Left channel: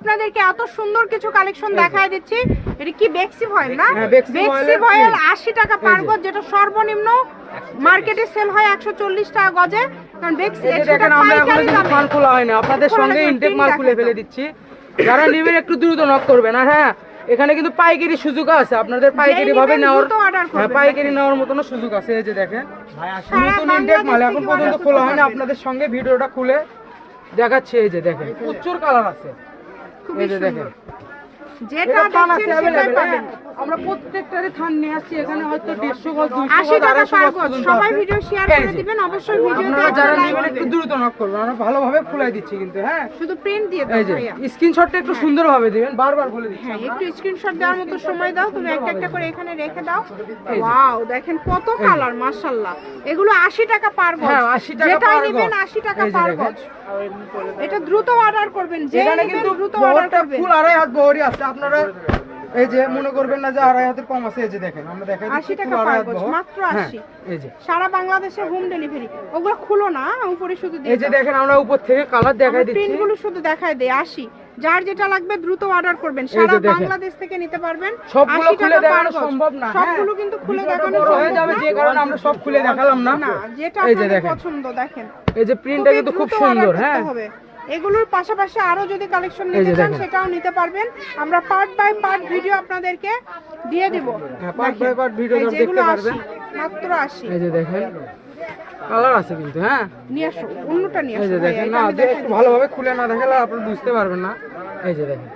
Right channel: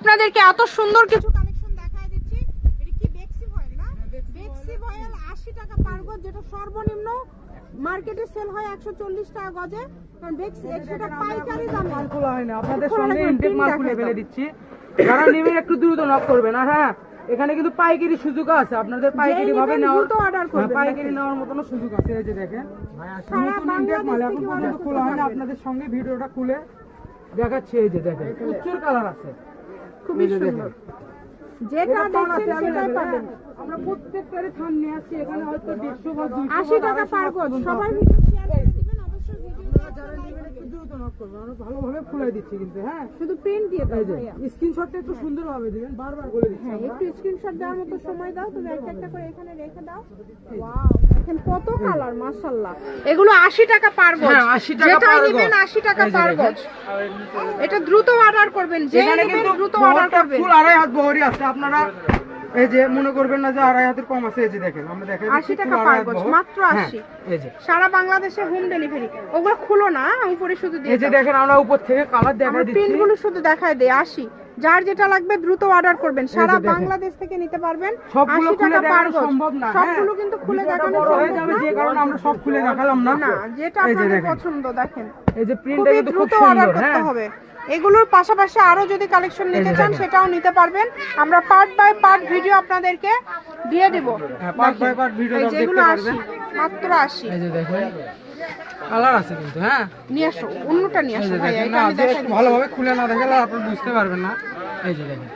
আপনাদেরকে এত সুন্দর কিছু কালেকশন দেখায় দিচ্ছি। এটা কি বেক্সি ভয়েল না? বেক্সি ভয়েল 80 টাকা পার গজ, যেটা সর্বনিম্ন মার্কেটে সেল হয় 140 টাকা গজে। কারণ বেক্সি এটা পাইকারি দামে মাল খোলা হয় না, আপনাদের সঙ্গে ইনটেক মাল খুলে ফেলে দিচ্ছি। যারা নেবেন একটু দ্রুত নক করবেন। আর হ্যাঁ, এখানে কিন্তু পাইকারি সুযোগ আছে, আপনাদের পাইকারি ভাবে নেওয়ার, পাইকারি নেওয়ার মতন সুযোগ আছে। এই যে দেখেন নতুন ইনটেক মাল এখন পর্যন্ত খোলা হয় না, আপনাদের সঙ্গে ভিডিওটা খুলে দেখাচ্ছি। এই যে দেখেন প্রচুর কালার আছে, খুবই সুন্দর, যেটা দেখছেন সেটাই পাবেন। আমরা প্রত্যেকটারে থান নিয়ে আসছি, এখানে হয়তো 150 গজ 80 টাকা পার গজ। সবাই ভিডিও শেয়ার করে দিবেন, অবশ্যই ভিডিওতে আপনারা যারা নেবেন একটু দ্রুত নক করবেন, আমরা ভালোভাবে খুলে দিচ্ছি কিন্তু। হ্যাঁ, শুধু প্রিন্ট দিয়ে দাও ভাইয়া, স্ক্রিনশটটা একটু সুন্দরভাবে দিবেন, বারবার বলে দিচ্ছি। হ্যাঁ, একটু স্ক্রিনশট দেওয়ার মতো সময় দাও, তুমি একটা একটা করে এখানে রেখে দাও। ওয়াও, দেখেন কত কালার, মাশাআল্লাহ। এগুলো 80 টাকা পার গজ, যেটাই নেবেন 80 টাকা পার গজ। এটা দ্রুত অর্ডার করবেন, যে নেবেন দ্রুত অর্ডার করবেন। ফুল আড়াই হাত বহরি আছে, আপনারা এই যে মনে করবেন না যে আড়াই হাতের কম আছে। এই যে দেখেন আমরা দেখাই 80 টাকা পার গজ, মাত্র 80। এই যে সারা বাংলাদেশে হোম ডেলিভারি। ওগুলো খুলো না, উপরে শুধু দিয়ে এই যে দেখেন আমরা উপর থেকে কালার দেখাই দিচ্ছি, প্রিন্ট গুলো শুধু দেখায় দেই। 80, যার যেটা লাগবে দ্রুত অর্ডার করবেন, সারা বাংলাদেশ থেকে নিতে পারবেন। 80 টাকা পার গজ, সবগুলো কিন্তু খুলে দেখানো হয়ে যাবে, যে কারণে আমরা সব খুলে দেখালাম না। না, যেটা আপনাদের পছন্দ দেখেন। এই যে প্রিন্টটা কিন্তু খুব সুন্দর। হ্যাঁ, হবে। এগুলোর পাশাপাশি আরো যদি কালেকশন নিতে চান সেটাও নিতে পারবেন, আমরা পার্ট বাই পার্ট ভিডিও আপনাদেরকে দিয়ে দেব। পার্ট বাই পার্ট ভিডিও দেখতে পারবেন, মাত্র 80। এই যে দেখেন কালার আছে কিন্তু। হ্যাঁ, নিয়ে আসো, অন্যটা নিয়ে আসো ভাইয়া, এটা আমি দেখাই। ভালোভাবে খুলে না দেখালে আপনি বুঝতে পারবেন না। এই যে দেখেন